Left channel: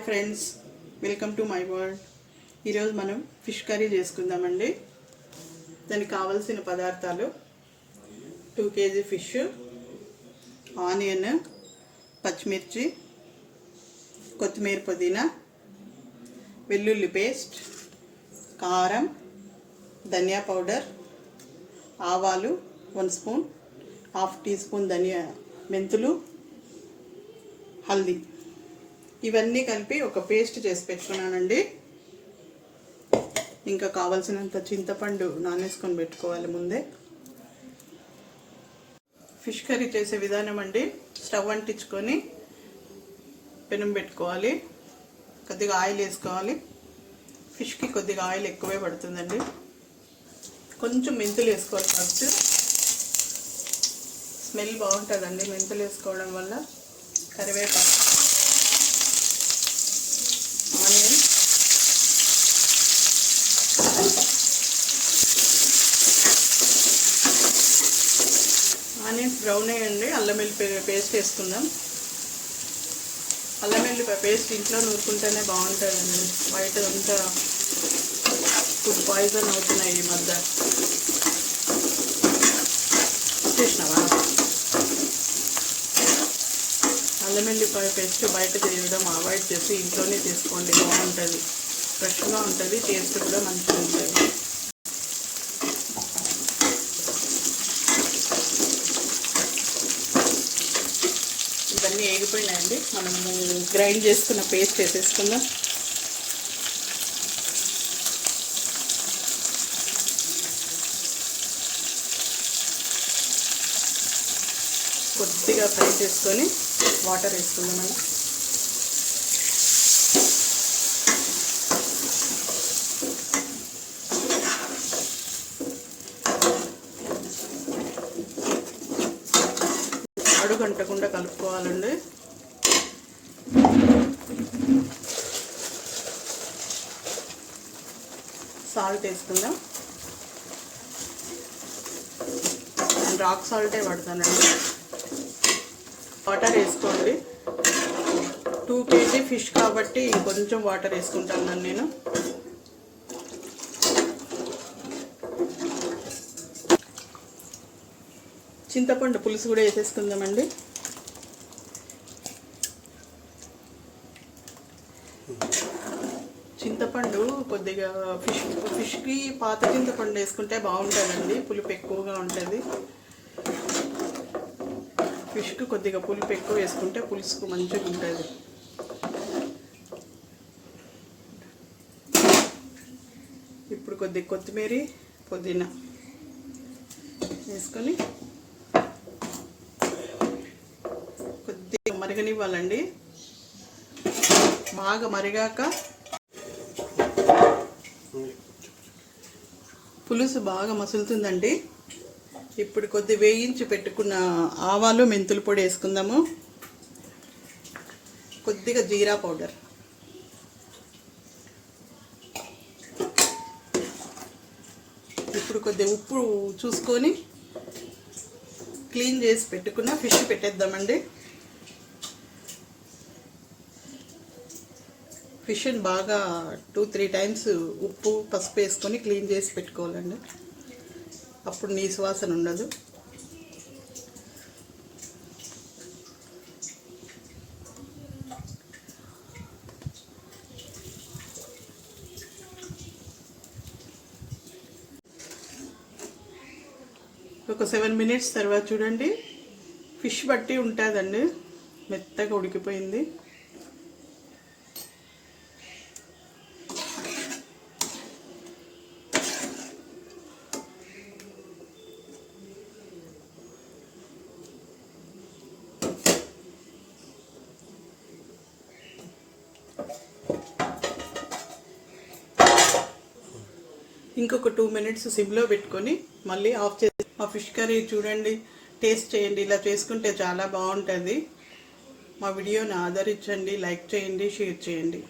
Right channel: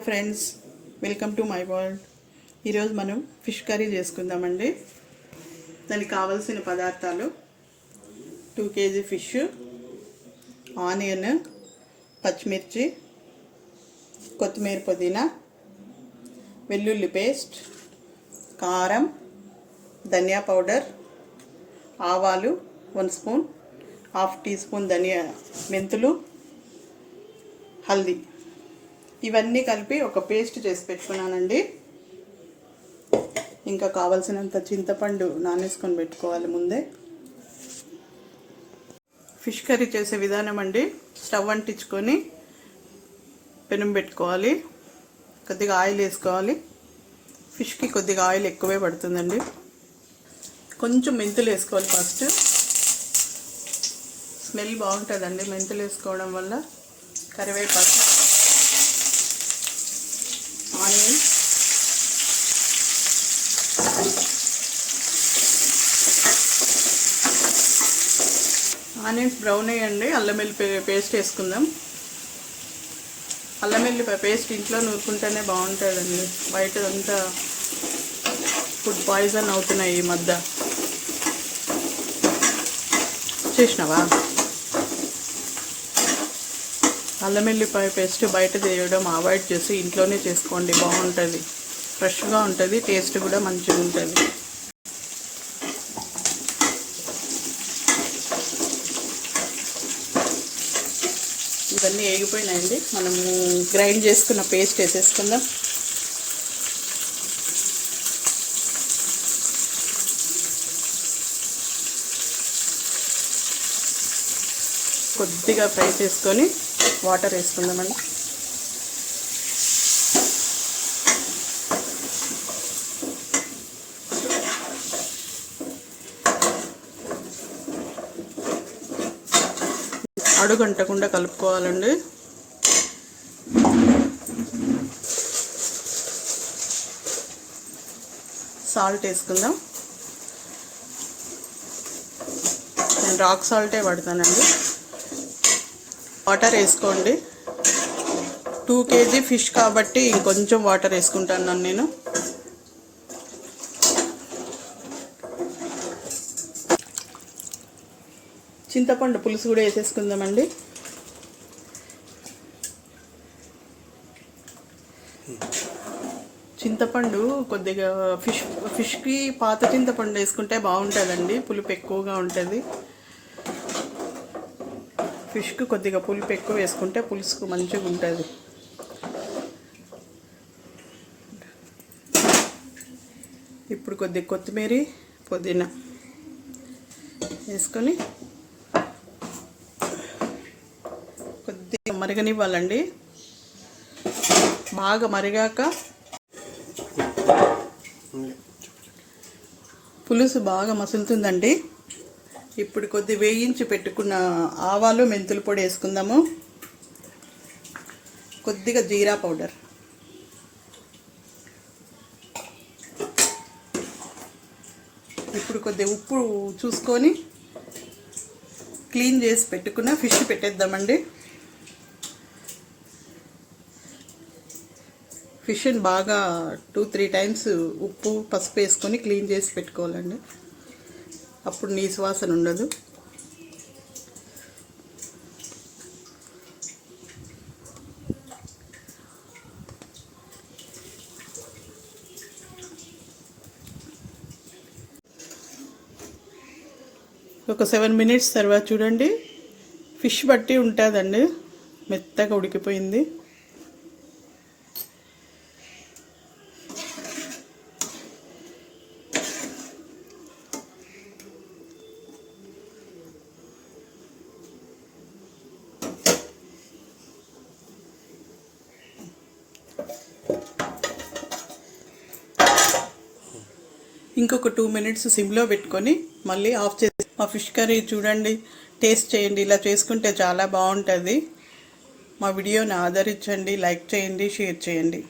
Hi friends, welcome to my world. ఈరోజు మనం fish curry చేసుకుందామండి. దానికి కావాల్సిన పదార్థాలు 2 kg ఫిష్, ఆనియన్, పచ్చిమిర్చి, కొత్తిమీర, పుదీనా, వెల్లుల్లి పేస్ట్, కారం, ధనియా పౌడర్, ఆవాలు 1 స్పూన్, 1/2 టీ స్పూన్ మెంతులు, హల్దీ. ఇవన్నీ కలిపి ఒక పేస్ట్ చేసి పెట్టుకున్నానండి. ఇంకా కావాల్సినంత చింతపండు నానేసుకొని పెట్టుకోవాలి ముందే. ఫిష్ కర్రీ చేసే విధానం అండి, స్టవ్ అంటించుకొని పెనం పెట్టుకోవాలి, కొద్దిగా ఆయిల్ వేసుకోవాలి. ఫిష్కి కొద్దిగా ఆయిల్ ఎక్కువే పడుతుందండి. కొంచెం మెంతులు వేసుకోవాలి. ఫస్ట్ స్మెల్ బాగుంటుందండి మెంతులు వేసుకోవడం వల్ల. కరివేపాకు, ఆనియన్, ఆనియన్స్ బ్రౌన్ అయ్యండి. అల్లం వెల్లిపాయ పేస్ట్ వేసుకుందాం. అల్లం వెల్లిపాయ పేస్ట్ ఇంట్లో నూరుకుంటేనే బాగుంటుందండి. బయట అంతా ఫుడ్ పాయిజన్ అవుతున్నాయి ఈ మధ్య. చేసినావా? అల్లం వెల్లిపాయ పేస్ట్ బయట చేయడం అవాయిడ్ చేసి ఇంట్లోనే చేసుకోండి, బాగుంటుంది. ఫ్రెష్గా ఉంటుంది, టేస్ట్ కూడా మంచిగా ఉంటుంది. ఇవన్నీ వేగిపోయినాయండి. మనము గ్రైండ్ చేసుకున్న పేస్ట్ వేసేసుకుందాం. కొద్దిగా ఫ్రై చేసుకొని వాటర్ వేసుకుందామండి. అడుగంటకుండా కలుపుకోవాలండి. సాల్ట్ వేసుకుందాం. నేను రాక్ సాల్టే పడతానండి. వాటర్ వేసుకోండి. 2 kg ఫిష్ కాబట్టి ఇంకొంచెం వాటర్ వేసుకుంటాను నేను. చింతపండు పులుసు కూడా వేసేసుకుందామండి. చింతపండు కొద్దిగా ఫిష్కి పాత చింతపండు వేసుకుంటే బాగుంటుందండి, పులుపు ఎక్కువగా ఉంటుంది. ఫిష్కి కొద్దిగా పులుపు ఎక్కువ వేసుకుంటే పులుసుకు మంచిగా ఉంటుంది. ఇప్పుడు కొద్దిగా కొత్తిమీర, పుదీనా వేసుకొని కొద్దిగా మరగనివ్వాలండి. బాగా మరిగాక పులుసు బాగా మసులుతుందండి. ఇప్పుడు కొద్ది వేయించి పెట్టుకున్న ఆవాలు, మెంతుల పొడి వేసుకుందాము. కొద్దిగా జీరా పౌడర్, ఇప్పుడు కొద్దిగా ఉప్పు చూసుకొని క్లీన్ చేసి పెట్టుకున్న ఫిష్ పెట్టేద్దామండి. ఫిష్ని బాగా 2-3 టైమ్స్ ఉప్పు, పసుపు వేసుకొని క్లీన్ చేసి పెట్టుకోవాలండి. అప్పుడు నీ సువాసన ఉండదు. ఒక 7 minutes తర్వాత చూడండి, ఫిష్ బట్టి ఉంటుందండి, మెత్తగా ఉడికిపోయింది. ఇంకొక 2 minutes సిమ్లో పెట్టుకొని మళ్ళీ ఆఫ్ చేసి మా ఫిష్ కర్రీ చూడండి, టేస్ట్ చేయండి. ఇలా చేసుకుంటే చాలా బాగుంటుంది. మా వీడియోని ఆదరించండి, లైక్ చేయండి, షేర్ చేయండి.